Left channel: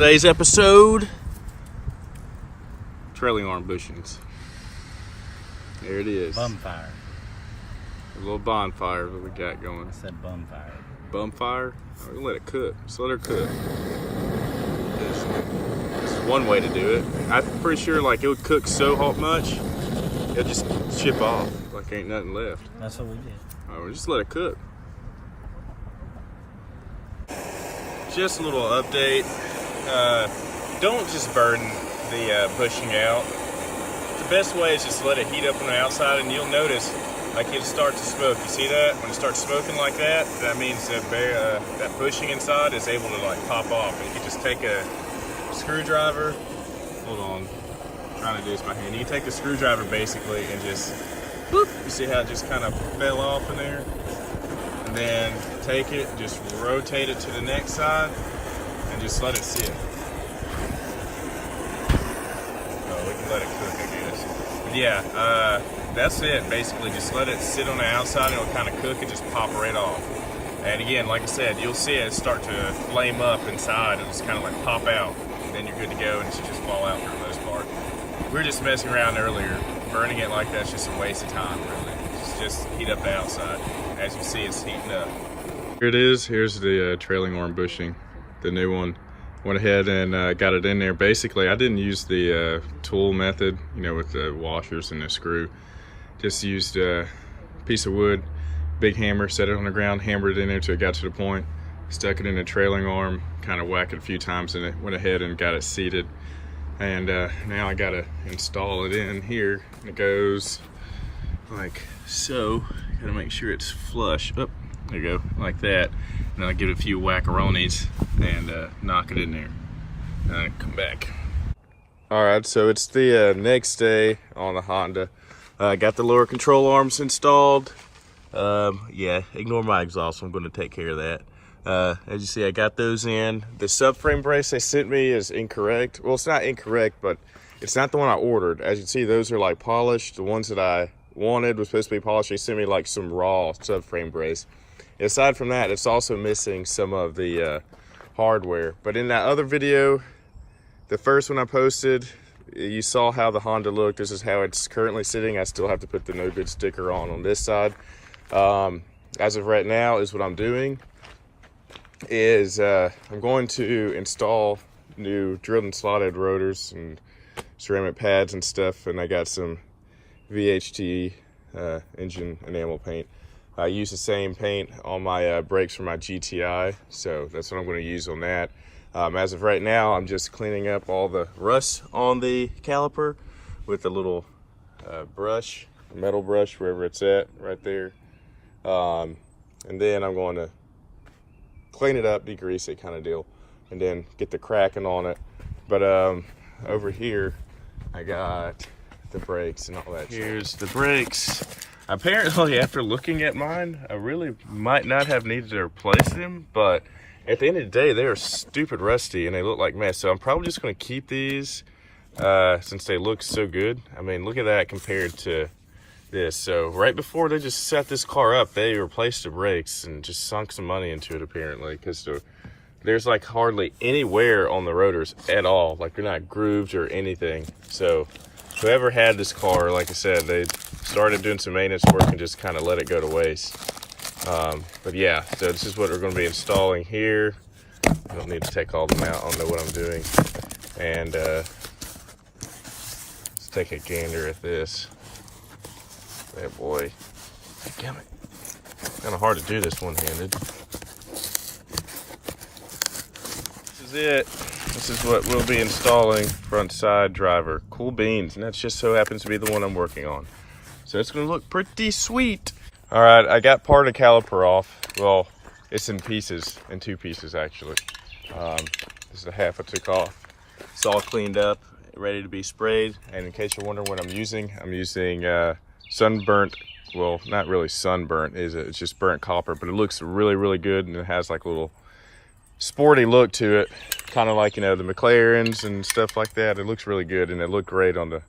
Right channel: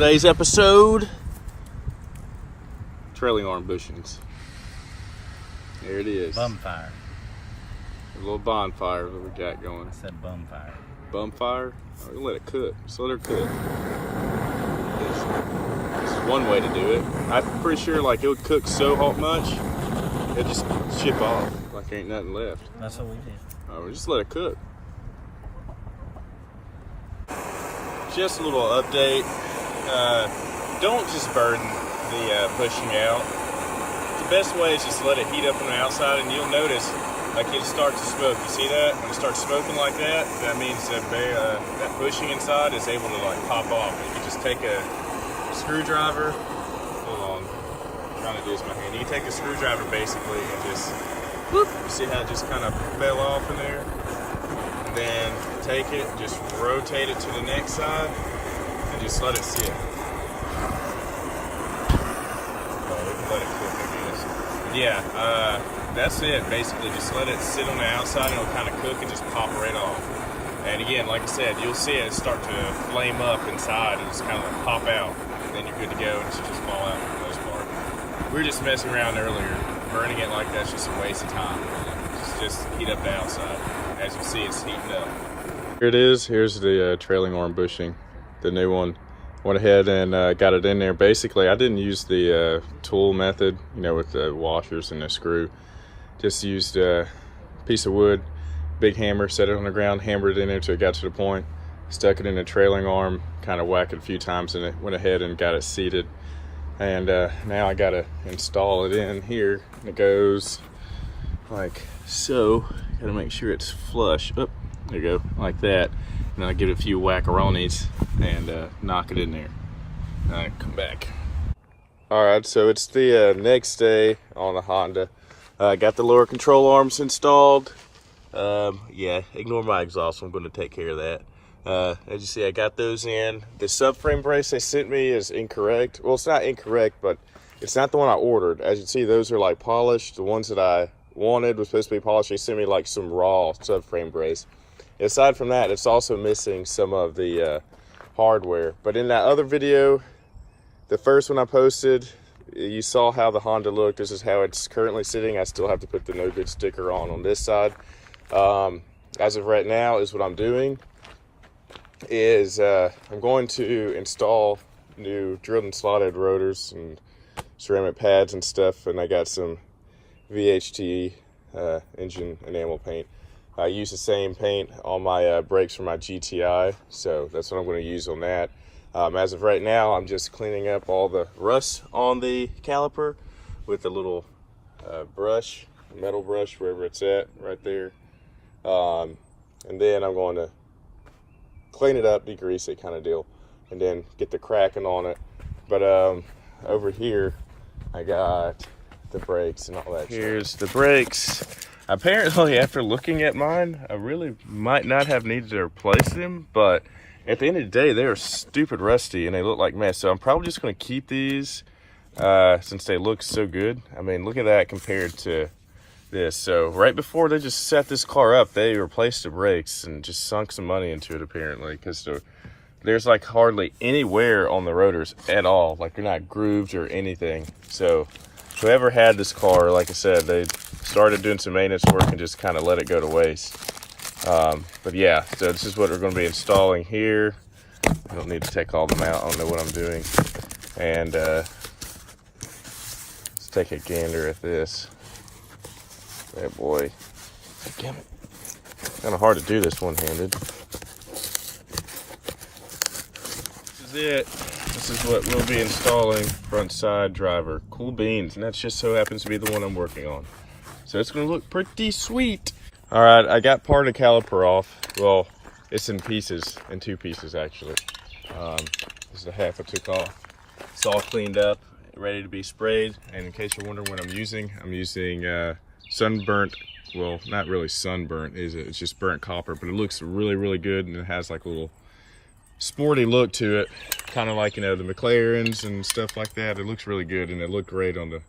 Today's episode, Trailing Arm Bushings. There it is. Bumfire. A little bonfire that we got going. I said bumfire. Bumfire? Oh, we'll let it cook. Just let her cook. That's one way to do it. I'm pretty sure like it would cook so hot much, it'll just chip off like ain't nothing left. That's what we did. Oh, we'll just let it cook. Just a little update. Don't just burn the bushing out. The best way is just let it heat up on the outside, and you'll notice like it starts to smoke. You see that? When it starts smoking like that, that means that that bushing inside is able to like pop off. And you can just take a screwdriver. Hold on, I'm trying to do this with my hand. You can take a screwdriver basically and just whoop. You see how it just kind of fell off in there? And then take it, just rotate it to the next side, and just let it sit. Oh, we can let it cook, I guess. And yeah, that's it. Basically, just let it sit on the outside, and it'll kind of cook and just pop right off. And again, like I said, you'll see it start to flame up inside and just kind of like pop out, and then you're good to go, and it should just fall out for the most part. We were just messing around earlier. Burning it like that's just a waste of time, really. Just heat up the outside. As you see, it's heating up. Here it is. Here's the trailing arm bushing, the new one. Went ahead and got it in there. Basically, I didn't use the tool method, you know, with the washers and the screw. Just used a piece of wood, big hammer, set it on the ground, hammered it in there until it got to the point, stuck it in the trailing arm, kind of whacked it a few times, and it went ahead and got it seated. And now I gotta install it in here. It goes like so. Gotta make sure it's flush. Oh, there you go, like that. And then I give it a few whackaronis and knock it in there. Come back. All right, so it's the next day on the Honda. Got the lower control arms installed. Yeah, ignore my exhaust. I'm going to take care of that. As you see, I got those in. The subframe brace they sent me is incorrect. Well, it's not incorrect, but it's not the one I ordered. As you see, those are like polished. The ones that I wanted was supposed to be polished. They sent me like some raw subframe brace. Aside from that, it's also missing some of the hardware. But in that other video, the first one I posted, you saw how the Honda looked. This is how it's currently sitting. I still have to put the no good sticker on this side. As of right now is what I'm doing is I'm going to install new drilled and slotted rotors and ceramic pads and stuff, and I got some VHT engine enamel paint. I use the same paint on my brakes for my GTI, so that's what I'm going to use on that. As of right now, I'm just cleaning up all the rust on the caliper with a little brush, metal brush, wherever it's at, right there. And then I'm going to clean it up, degrease it kind of deal, and then get the cracking on it. But over here, I got the brakes and all that. Here's the brakes. Apparently, after looking at mine, I really might not have needed to replace them, but at the end of the day, they're stupid rusty and they look like mess. So I'm probably just going to keep these since they look so good. I mean, look at that compared to this. So right before they just set this car up, they replaced the brakes and just sunk some money into it apparently, because there's like hardly any wear on the rotors at all. Like they're not grooved or anything. So whoever had this car, like I said, they started doing some maintenance work and just kind of let it go to waste. But yeah, so this is what we're going to be installing here. I don't need to take all them out. I don't know what I'm doing. And let's take a gander at this. That boy. Damn it. Kind of hard to do this one-handed. This is it. This is what we'll be installing. Front side driver. Cool beans. And that just so happens to be the one I'm working on. So it's going to look pretty sweet. All right, I got part of the caliper off. Well, it's in pieces, in two pieces actually. This is the half I took off. It's all cleaned up, ready to be sprayed. And in case you're wondering what I'm using sunburnt, well, not really sunburnt, is it? It's just burnt copper, but it looks really, really good, and it has like a little sporty look to it, kind of like, you know, the McLarens and stuff like that. It looks really good, and it looked great on the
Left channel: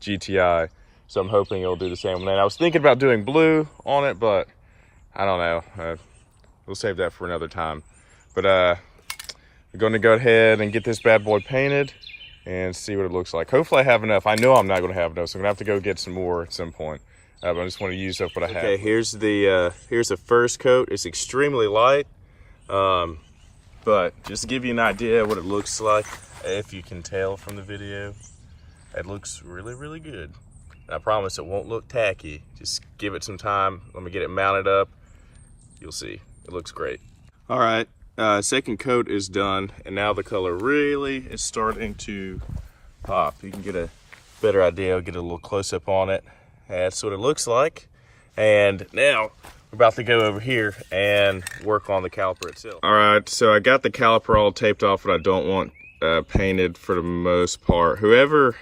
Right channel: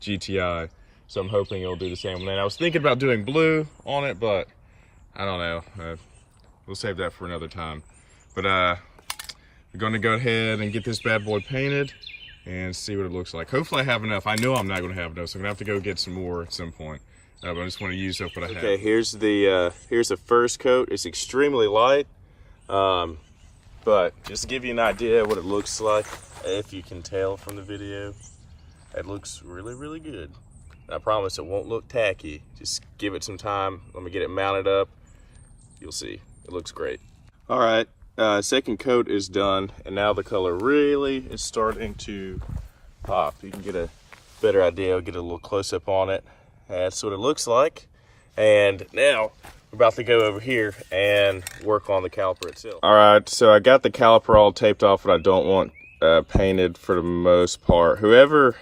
GTI. So I'm hoping it'll do the same on that. I was thinking about doing blue on it, but I don't know. We'll save that for another time. But we're going to go ahead and get this bad boy painted and see what it looks like. Hopefully I have enough. I know I'm not going to have enough, so I'm going to have to go get some more at some point. But I just want to use up what I have. Okay, here's the first coat. It's extremely light, but just to give you an idea of what it looks like, if you can tell from the video, it looks really, really good. I promise it won't look tacky. Just give it some time. Let me get it mounted up. You'll see. It looks great. All right, second coat is done, and now the color really is starting to pop. You can get a better idea. I'll get a little close-up on it. That's what it looks like. And now we're about to go over here and work on the caliper itself. All right, so I got the caliper all taped off, what I don't want painted for the most part. Whoever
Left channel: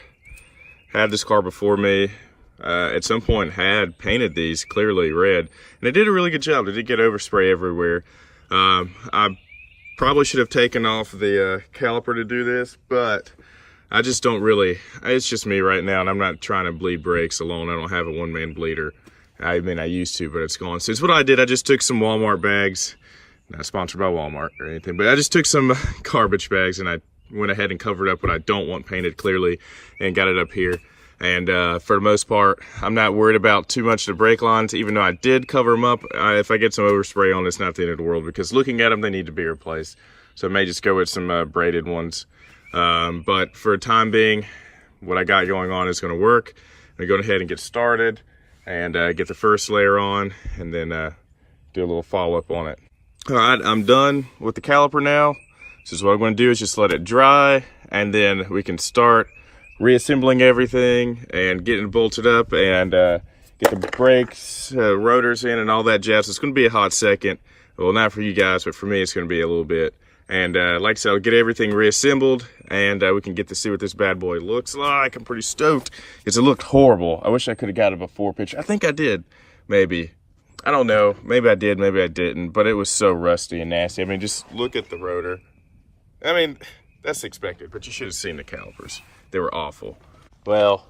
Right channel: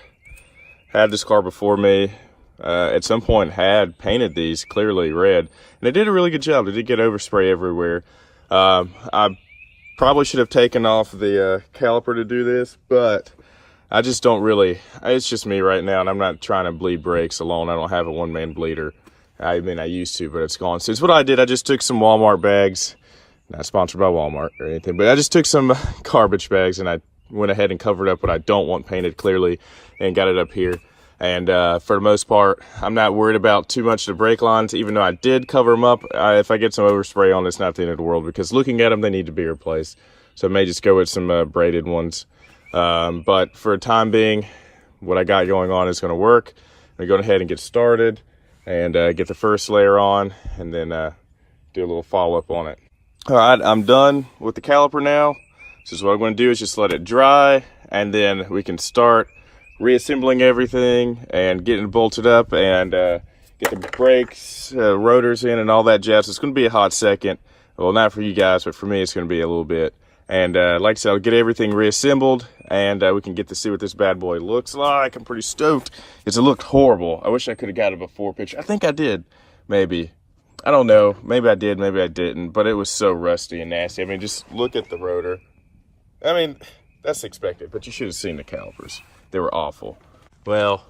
had this car before me at some point had painted these clearly red, and they did a really good job. They did get overspray everywhere. I probably should have taken off the caliper to do this, but I just don't really, it's just me right now, and I'm not trying to bleed brakes alone. I don't have a one-man bleeder. I mean, I used to, but it's gone. So it's what I did. I just took some Walmart bags, not sponsored by Walmart or anything, but I just took some garbage bags, and I went ahead and covered up what I don't want painted clearly and got it up here. And for the most part, I'm not worried about too much of the brake lines, even though I did cover them up. If I get some overspray on, it's not the end of the world, because looking at them, they need to be replaced. So I may just go with some braided ones. But for a time being, what I got going on is going to work. I'm going to go ahead and get started and get the first layer on, and then do a little follow-up on it. All right, I'm done with the caliper now. So what I'm going to do is just let it dry, and then we can start reassembling everything and getting it bolted up and get the brakes, rotors in, and all that jazz. It's going to be a hot second. Well, not for you guys, but for me, it's going to be a little bit. And like I said, I'll get everything reassembled, and we can get to see what this bad boy looks like. I'm pretty stoked because it looked horrible. I wish I could have got a before picture. I think I did, maybe. I don't know. Maybe I did, maybe I didn't. But it was so rusty and nasty. I mean, just look at the rotor. I mean, that's expected, but you should have seen the calipers. They were awful. Well,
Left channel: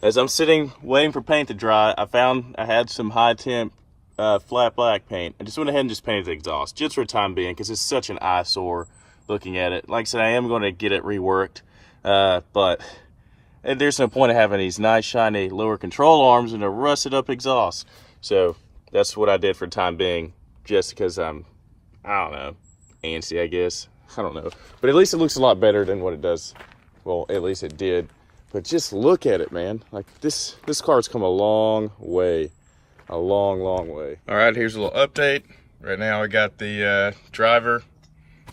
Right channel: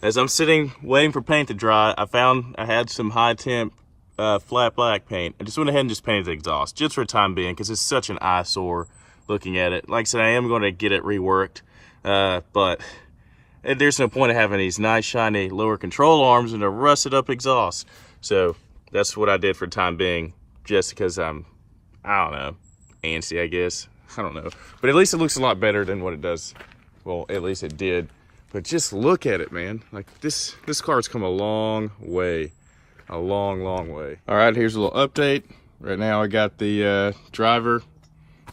as I'm sitting waiting for paint to dry, I found I had some high temp flat black paint. I just went ahead and just painted the exhaust just for the time being, because it's such an eyesore looking at it. Like I said, I am going to get it reworked, but there's no point of having these nice shiny lower control arms and a rusted up exhaust. So that's what I did for the time being, just because I'm, I don't know, antsy, I guess. I don't know, but at least it looks a lot better than what it does. Well, at least it did. But just look at it, man. Like this car's come a long way. A long, long way. All right, here's a little update. Right now I got the driver,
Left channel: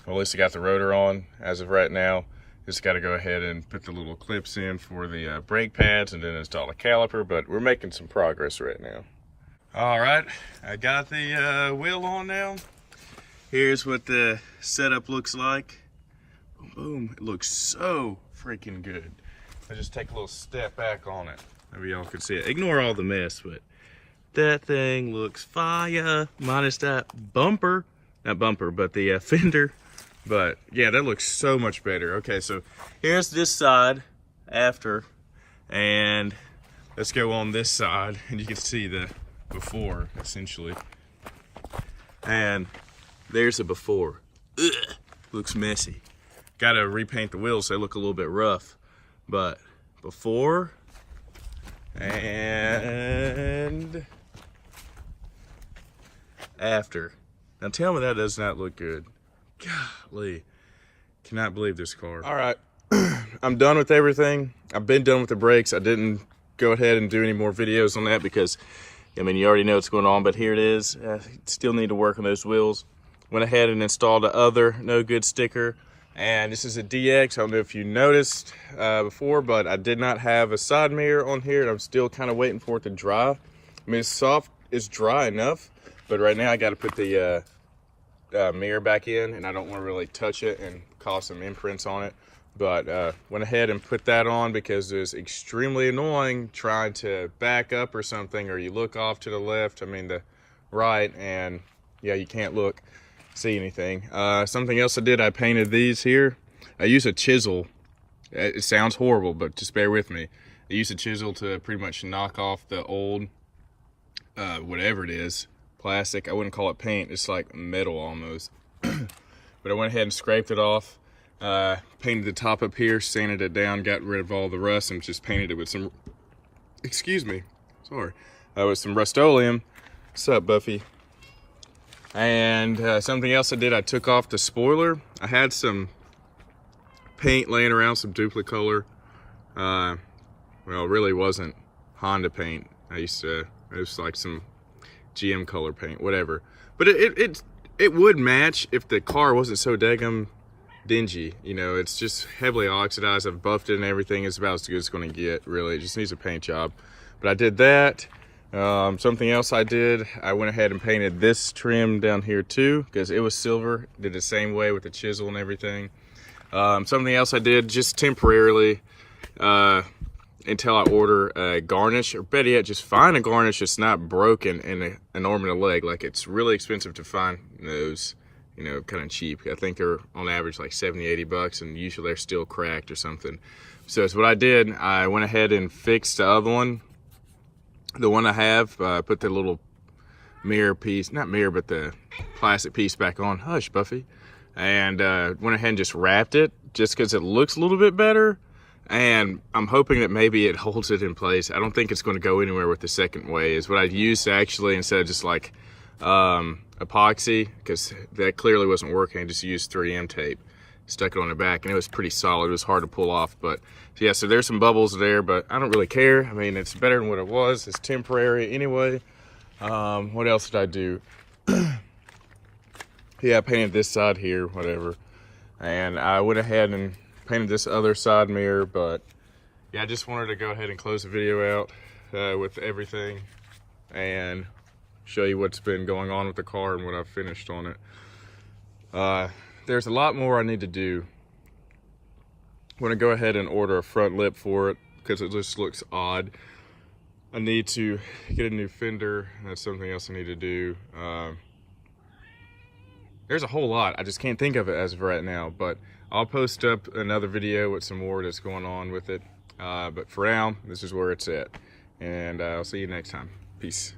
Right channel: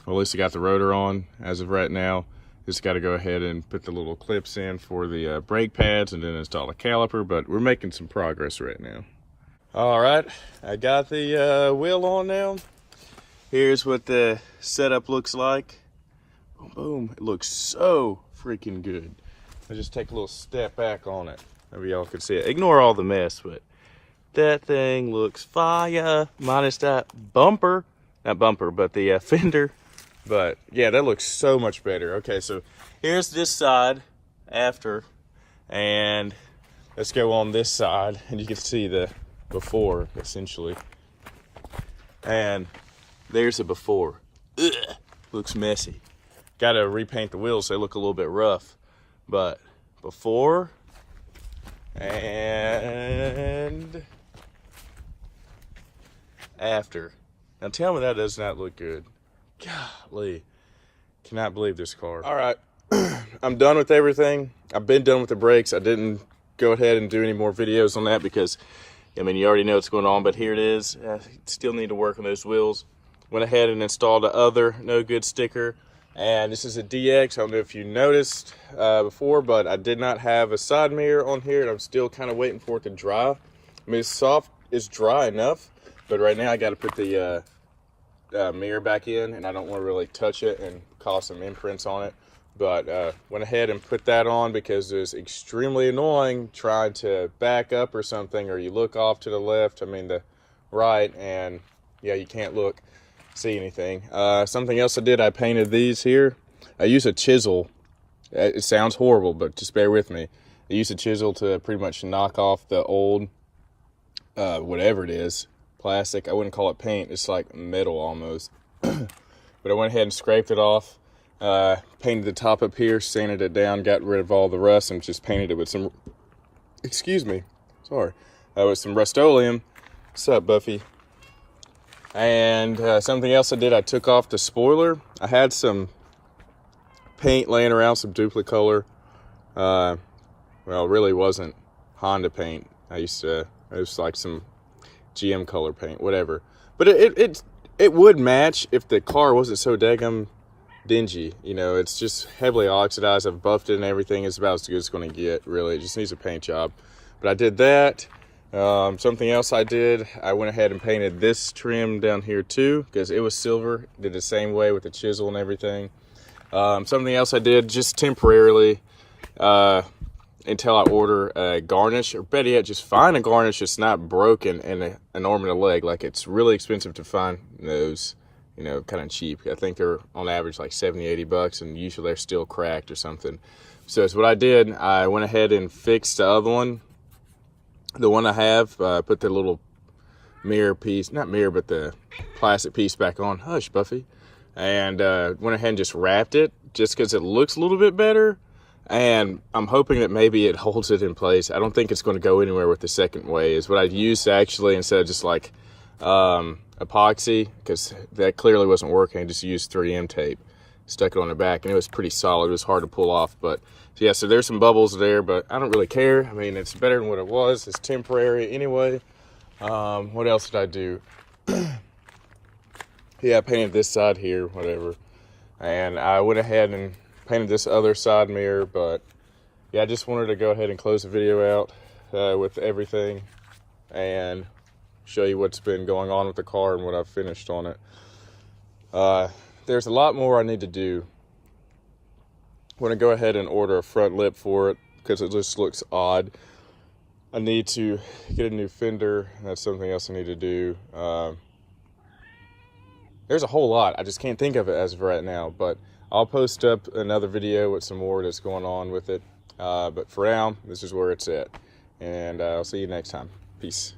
well, at least I got the rotor on as of right now. Just got to go ahead and put the little clips in for the brake pads and then install a caliper, but we're making some progress right now. All right, I got the wheel on now. Here's what the setup looks like. Boom, boom. It looks so freaking good. I'll just take a little step back on it. Maybe y'all can see it. Ignore all the mess, but that thing looks fire. Minus that bumper. Not bumper, but the fender. But yeah, that looks so much better. Okay, so here's this side after. And let's go on this side. And you can see the before, essentially. And there's the before. Ugh, looks messy. Got to repaint the wheels so they look a little bit rough. But before and after. Now tell me that does not look good. Golly. Cannot believe this car. All right. I'm done with everything. I've been done with the brakes. I didn't go ahead and do any more videos on that because, I mean, you already know what's going on, but here it is. Still need to work on those wheels. Went ahead and installed the other no good sticker. And this is a DX. I don't know if you noticed before, but I did not have a side mirror on here, and I'm still kind of waiting for it to dry. I mean, it's soft, it's dry enough, but right now I got to put the mirror back in, and I don't want to really touch it and cause some imprints on it. But went ahead and put that on because it's extremely annoying trying to back up or something, or you look off to the left, I mean the right, and yeah, you can't see anything. Something else I did, I painted these here. I use a chisel. It sounds horrible, but just bear with me. I use a chisel to pretty much knock off the old, whatever it is, plastic. I wouldn't call it paint. It's like metal almost. but I went ahead and scraped it off, painted the top up here, sanded it down, got rid of all the rust, and just painted it with some, excuse me, sorry, with some Rust-Oleum. What's up, Buffy? And something else I did, I took off the spoiler. I had some paint laying around, some Duplicolor. Well, it really wasn't Honda paint. It was like some GM color paint, whatever. But it would match if the car wasn't so daggum dingy. You know, it's just heavily oxidized. I've buffed it and everything. It's about as good as it's going to get, really. It just needs a paint job. But I did that. Something else I did, I went ahead and painted this trim down here too, because it was silver. Did the same way with the chisel and everything. Something else I did just temporarily, until I order a garnish, or better yet, just find a garnish that's not broken and an arm and a leg. Like, it's really expensive to find those, you know, kind of cheap. I think they're on average like 70, 80 bucks, and usually they're still cracked or something. So that's what I did. I went ahead and fixed the other one. The one I have, put the little mirror piece, not mirror, but the plastic piece back on. Hush, Buffy. And went ahead and just wrapped it, just because it looks a little bit better. And I'm hoping that maybe it holds it in place. I don't think it's going to go anywhere with the second way. Is what I used actually, instead of just like epoxy, because that clearly wasn't working. I just used 3M tape, stuck it on the back, and it was pretty solid. It was hard to pull off, but yeah, so there's some bubbles there, but I don't really care. I mean, it's better than what it was. It's temporary anyway. What else did I do? Yeah, I painted this side here, whatever. And I went ahead and painted this other side mirror, but yeah, I just wanted to go ahead and close the video out with everything and show you what's been going on with the car and what I've finished on it. There's a lot more I need to do. I'm going to go ahead and order a front lip for it because it just looks odd. I need to get a new fender. That's something else I need to do. There's a whole lot. I just can't think of it as of right now, but I'll post up another video with some more that's going on with it. But for now, this is where it's at. And I'll see you next time. Peace.